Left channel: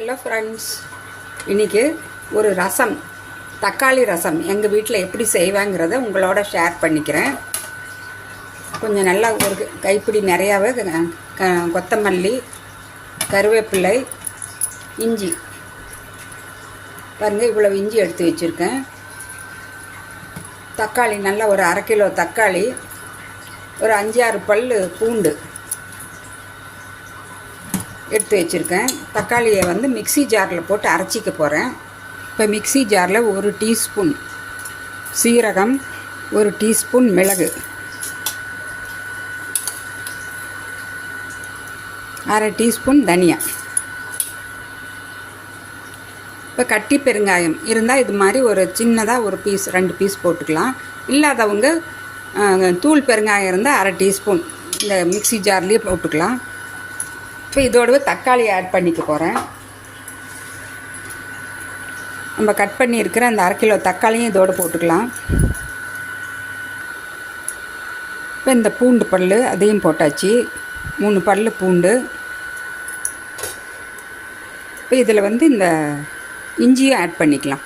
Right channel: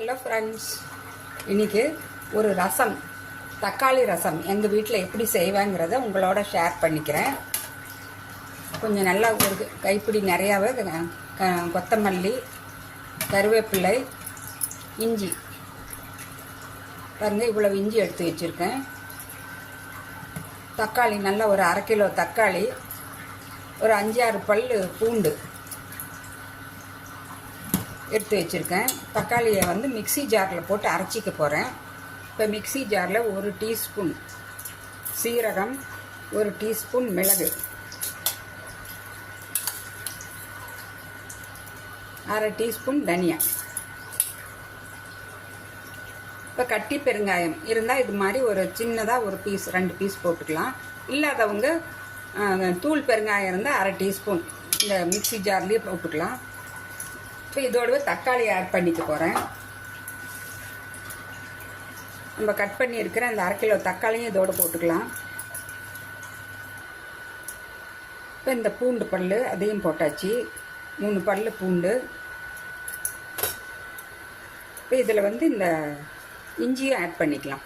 Hello friends, இன்றைக்கி ஒரு ரசம், தக்காளி ரசம் எங்கள் வீட்டில் எப்படி செய்வாங்கிறத உங்களோட ஷேர் பண்ணிக்கிறேன். கொஞ்சம் நல்லா ஒரு கைப்பிடி நிறையாவே கொத்தமல்லி, கருவேப்பிலை, இஞ்சி பாருங்கள், இவ்வளோ இஞ்சி எடுத்து வச்சுருக்கேன். தக்காளி நல்லா ஒரு 1/2 கிலோ தக்காளி, ஒரு 5-6 பல் பூண்டு எடுத்து வச்சுருக்கேன். தக்காளியை வந்து மிக்ஸி ஜாரில் போட்டு அரைச்சிக்க போகிறேன். இப்போ மிக்ஸி ஜாரில் 1 டீஸ்பூன் சீரகம், 1 டீஸ்பூன் மிளகு, 1/2 டீஸ்பூன் தனியா, இப்போ கட்டி பெருங்காயம் இருந்தால் இது மாதிரி ஒரு சின்னதாக ஒரு பீஸ் 2 பீஸ் போட்டுக்கலாம். இல்லாதவங்க தூள் பெருங்காயம் இருந்தால் 1/2 டீஸ்பூன் இந்த மிக்ஸி ஜார்லேயே போட்டுக்கலாம். இப்போ இதோடவே தக்காளி ஆட் பண்ணிக்க போகிறேன். நம்ம கட் பண்ணியிருக்கிற அந்த 1/2 கிலோ தக்காளியும் இதோடு போட்டுக்கலாம். இப்போ இந்த பூண்டு பல் அதையும் போட்டாச்சு, 3 பல் பூண்டு. இப்போ இதில் வந்து இந்த இஞ்சியும் ஆட் பண்ணிக்கலாம்.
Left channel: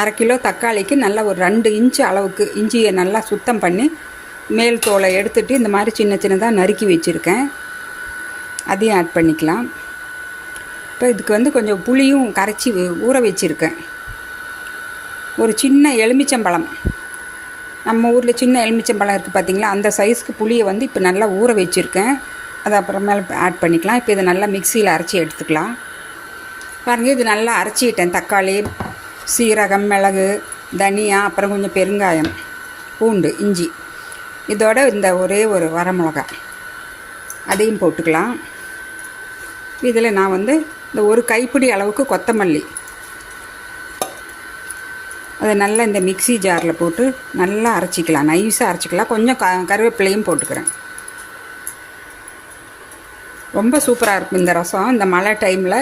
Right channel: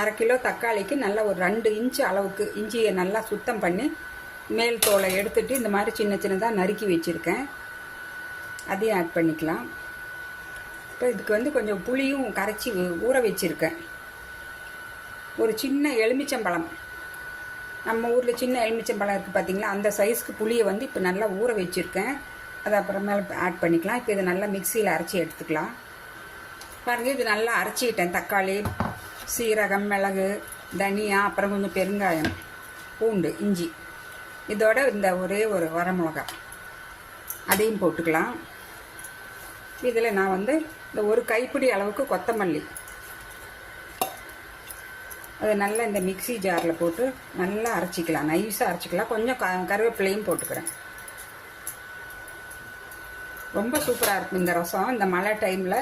1/2 கிலோ தக்காளிக்கு நல்லா ஒரு 2 இன்ச்சு அளவுக்கு இஞ்சியை நல்லா சுத்தம் பண்ணி மேல் தோலை எடுத்துகிட்டு இந்த மாதிரி சின்ன சின்னதாக நறுக்கி வச்சுருக்கேன். அதையும் ஆட் பண்ணிக்கலாம். இப்போ இதுக்கு வந்து கொஞ்சம் புளியும் கரைச்சி ஊற வச்சுருக்கேன். ஒரு சின்ன எலுமிச்சம்பழம், நம்ம ஊரில் சின்ன எலுமிச்சம்பழம் இருக்குது பார்த்திங்களா, அந்த சைஸ்க்கு புளியை வந்து இப்போ நல்லா ஊற வச்சுருக்கேன். அதை அப்புறமேல ஆட் பண்ணிக்கலாம். இப்போ இதை நல்லா மிக்சியில் அரைச்சி எடுத்துக்கலாம். பாருங்கள், இது நல்லா அரைச்சிக்கிட்டேன். தக்காளி, சீரகம், மிளகு, தனியா, அப்புறம் கொஞ்சம் பெருங்காயம், பூண்டு, இஞ்சி, இதோட இந்த ஒரே ஒரு வரமிளகாய் அதையும் போட்டுக்கலாம். இதில் நான் வந்து இந்த ஒரு கைப்பிடி அளவுக்கு கொத்தமல்லி, அதை நல்லா இந்த மிக்ஸி ஜாரில் போட்டு நல்லா அரைச்சிக்கலாம், நைஸாக அரைச்சிக்கலாம். கொஞ்சம் கருவேப்பிலையும் போட்டுக்கிறேன். ரொம்ப சூப்பராக இருக்கும் இந்த ரசம். இந்த மழை டைமில்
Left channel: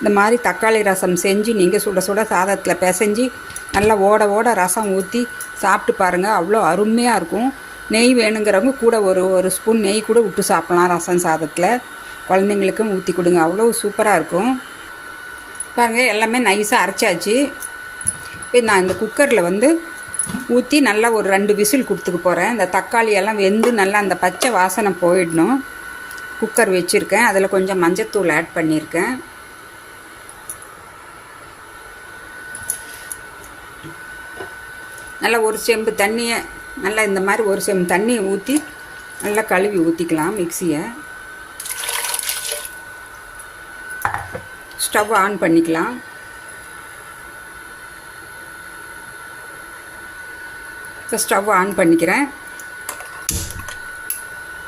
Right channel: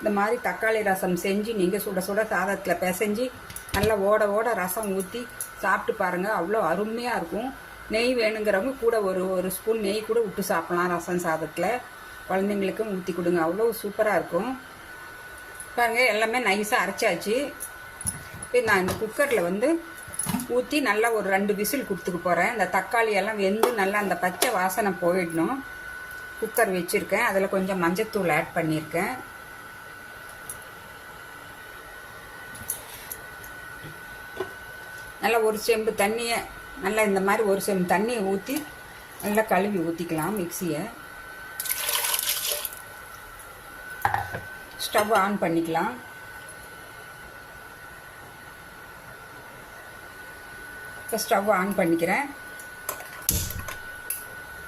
இந்த மாதிரி தக்காளி ரசம் செஞ்சு நீங்கள் சுட சுட சாதத்தில் பிசைஞ்சு நல்லா ஓட ஓட ரசம் ஊற்றி சாப்பிட்டு பாருங்கள், அவ்வளோ அருமையாக இருக்கும். நெய் வேணுங்கிறவங்க கூட ஒரு ஸ்பூன் நெய் கூட விட்டு சாப்பிட்லாம் ரசம் சாதத்தில். குழந்தைங்களுக்கும் ஊற்றி கொடுங்க, அவ்வளோ சூப்பராக இருக்கும். பாருங்கள், எல்லாமே நைஸாக அரைச்சாச்சு. இப்போ நான் இந்த குக்கரில் வந்து ஊற்றி நல்லா ஒரு 2 விசில் கொடுத்துக்க போகிறேன். இந்த தக்காளி எல்லாம் வெந்து நல்லா அந்த பச்சை வாசனை போயிடணும். குக்கர் வச்சுருக்கேன். அதில் கொஞ்சம் மஞ்சத்தூள் ஆட் பண்ணியிருக்கேன். நல்லா ஒரு செம்பு தண்ணியை நல்லா இந்த மாதிரி ஒரு செம்பு தண்ணியை ஊற்றி நல்லா கழுவி ஊற்றிக்கலாம் மிக்சியை. ஸ்டவ் ஆன் பண்ணிக்கலாம். இப்போ ஸ்டவ் ஆன் பண்ணிக்கிறேன்.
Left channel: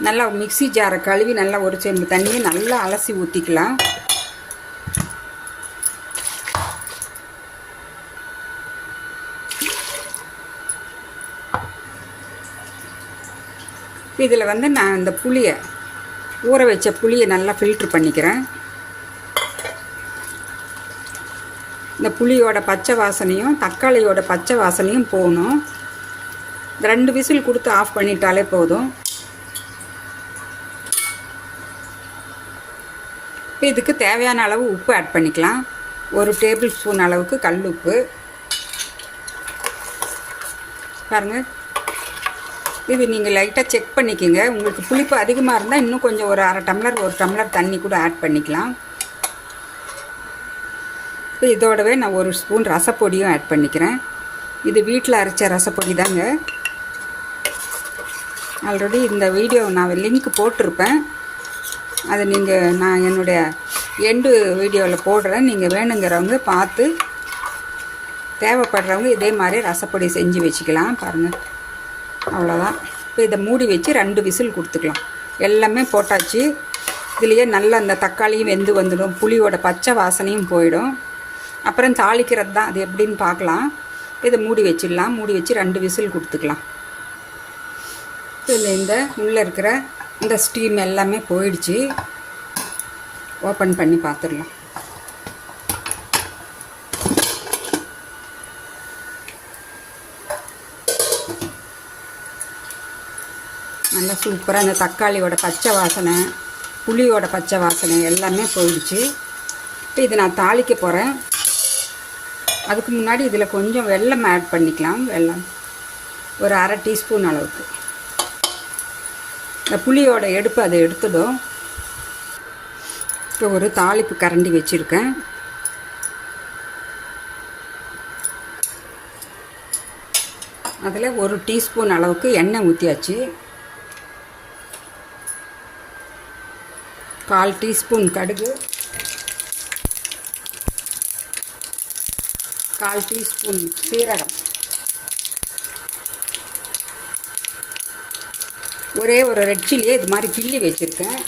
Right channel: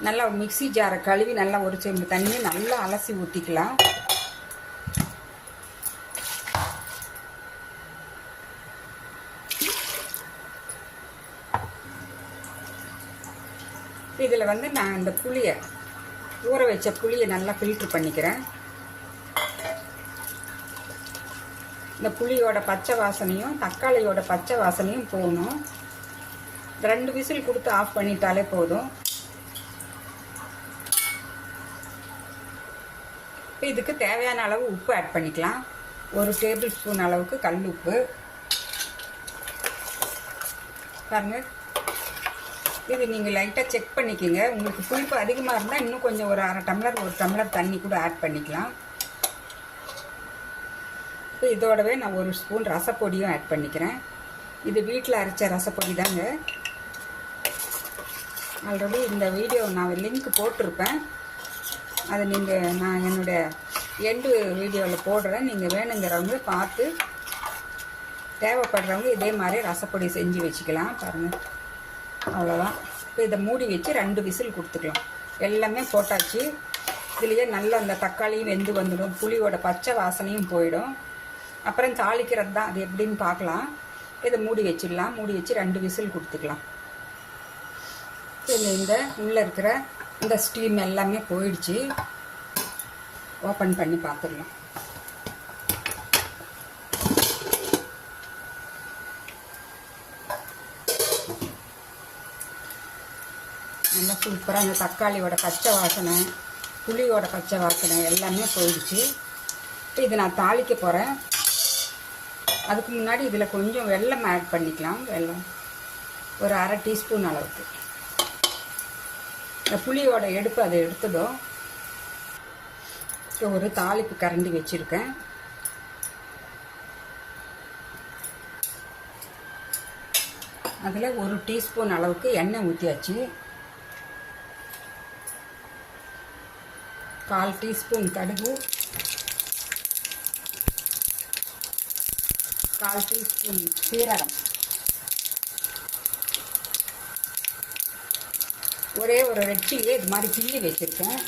நல்லா மிக்ஸி ஜாரை கழுவி நல்லா ஒரு செம்பு தண்ணியை நல்லா அலசி ஊற்றிக்கலாம். இதில் வந்து நான் இந்த புளியை, ஊற வச்ச புளியை நல்லா ஃபில்ட்ரு பண்ணிக்கிறேன். இந்த புளியோட பச்சை வாசனையும் தக்காளியோட பச்சை வாசனையும் போகணும். 2 விசில் கொடுத்து ஆஃப் பண்ணிட்டாலே போதும். இதுக்கு தேவையான அளவு உப்பு ஆட் பண்ணிக்கலாம். 1 டேபிள் ஸ்பூன் அளவுக்கு கல் உப்பு. பாருங்கள், இது நீங்கள் லைட்டாக செக் பண்ணிக்கோங்க. உங்களுக்கு புளிப்பு அதிகமாக இருந்தால் இன்னும் கொஞ்சம் ஒரு 1 டம்ளர் தண்ணி கூட ஆட் பண்ணிக்கலாம். இப்போ இதோடவே நான் 1 ஸ்பூன் ரசப்பொடியும் ஆட் பண்ணிக்கிறேன். இது வீட்டில் அரைச்ச ரசப்பொடி தாங்க. ஆல்ரெடி இந்த வீடியோ நான் லிங்க் போட்டிருப்பேன். அது நான் என்னுடைய எண்டு வீடியோவில் போடுறேன். நீங்கள் வேணுங்கிறவங்க பார்த்து தேவைப்படுறவங்க இதே மாதிரி ரசப்பொடி செஞ்சு வச்சுக்கலாம். பாருங்கள், அவ்வளோதான். இப்போ இதை மூடி வச்சு 2 விசில் கொடுத்துக்கலாம். எல்லாமே போட்டாச்சு. இதுலேயே நல்லா அந்த தக்காளியும் வெந்து வந்துடும், புளியோட பச்சை வாசனையும் போயிடும். அப்புறம் தாளிக்கிறது தான், அது எப்படின்னு பார்க்கலாம். இதை மூடி வச்சிடலாம். மூடி வச்சு 2 விசில் கொடுத்துக்கலாம். இதில் இந்த உள்ளே இருக்கிற இந்த ஸ்டீம் எல்லாமே போயிடுச்சு. ஓப்பன் பண்ணி பார்த்துடலாம். நல்லா சூப்பராக அந்த தக்காளியோட பச்சை வாசனை புளியோட பச்சை வாசனை எல்லாமே போயிடுச்சு. இப்போ இது நான் தாளிக்க போகிறேன். அதுக்கு முன்னாடி இதில் கொஞ்சம் வெல்லம் ஆட் பண்ணிக்கலாம். வெல்லம் ஒரு 1/2 டீஸ்பூன் அளவுக்கு. இந்த புளியோட எடுப்பு அதை எடுத்துடும். இப்போ ஒரு தாளிப்பு கரண்டி வச்சுருக்கேன். அதில் 1 டீஸ்பூன் அளவுக்கு எண்ணெய் ஊற்றியாச்சு. 1/4 டீஸ்பூன் கடுகு, 1/4 டீஸ்பூன் சீரகம், ஒரே ஒரு ரெட் சில்லியை இது மாதிரி கிள்ளி வச்சுருக்கேன்.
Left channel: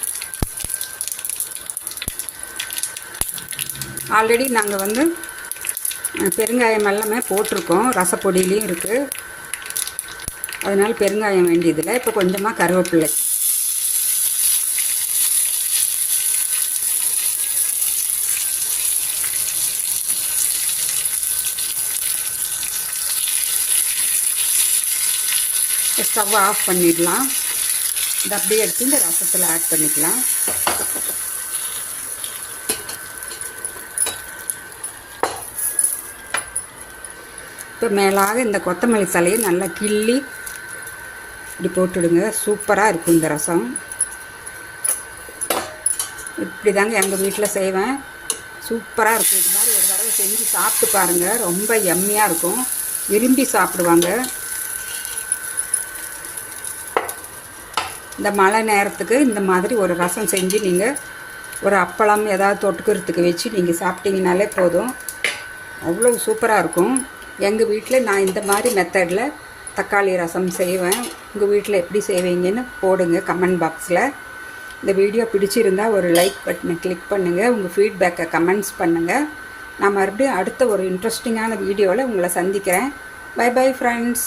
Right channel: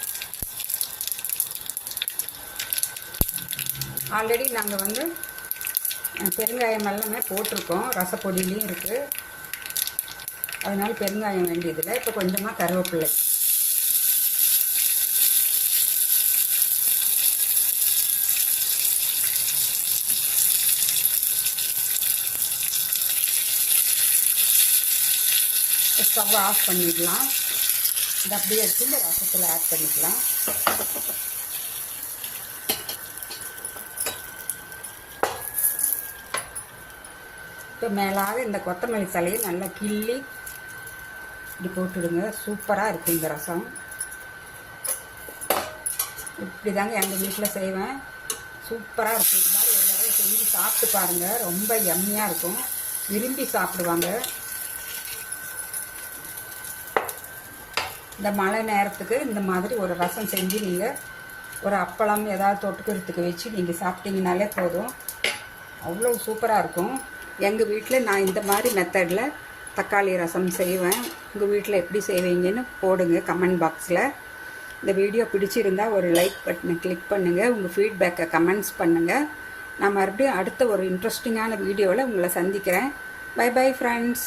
ஆல்ரெடி நாங்கள் பெருங்காயம் எல்லாமே போட்டிருக்கோம். ரசப்பொடியிலையும் இருக்குது. அதனால் பெருங்காயம் வேண்டியதில்லை. இப்போ கொஞ்சமாக கருவேப்பிலை, ஸ்டவ் ஆஃப் பண்ணிடலாம். இது அப்படியே எடுத்து இந்த ரசத்தில் ஆட் பண்ணிக்கலாம். இப்போ மேலாக இந்த கொத்தமல்லி தலையை நல்லா கிள்ளி இப்படி போட்டுடுங்க. சூப்பராக இருக்கும் இந்த ரசம். இப்படி தாங்க எங்கள் வீட்டில் செய்வேன். சூப்பராக இருக்கும். இது மாதிரி ஒரு தடவை செஞ்சு சாப்பிட்டு பாருங்கள். ரொம்ப யம்மியாக இருக்கும். விரும்பி சாப்பிடுவாங்க. இந்த மழை நேரத்துக்கு இந்த மாதிரி ஒரு ரசம் செஞ்சு நீங்கள் ஒரு அப்பளம் ஏதாவது தொட்டுக்கிறதுக்கு வச்சு நீங்கள் சாப்பிட்டீங்கனாலே போதும். அவ்வளோ சூப்பராக இருக்கும். எங்கள் வீட்டில் நான் இந்த மாதிரி மெத்தடில் தக்காளி ரசம் செய்வேன். உங்கள் வீட்டில் எப்படி செய்வீங்கன்னு போடுங்க கமெண்ட் பாக்ஸில். இந்த வீடியோ பிடிச்சிருந்தால் ஒரு லைக் பட்டனை கிளிக் பண்ணுங்கள். உங்கள் ஃபீட்பேக்கை கமெண்ட்ஸ் பண்ணுங்கள். நான் மறுபடியும் அடுத்த ஒரு இன்ட்ரெஸ்டிங்கான வீடியோவில் உங்களை சந்திக்கிறேன். Bye bye friends.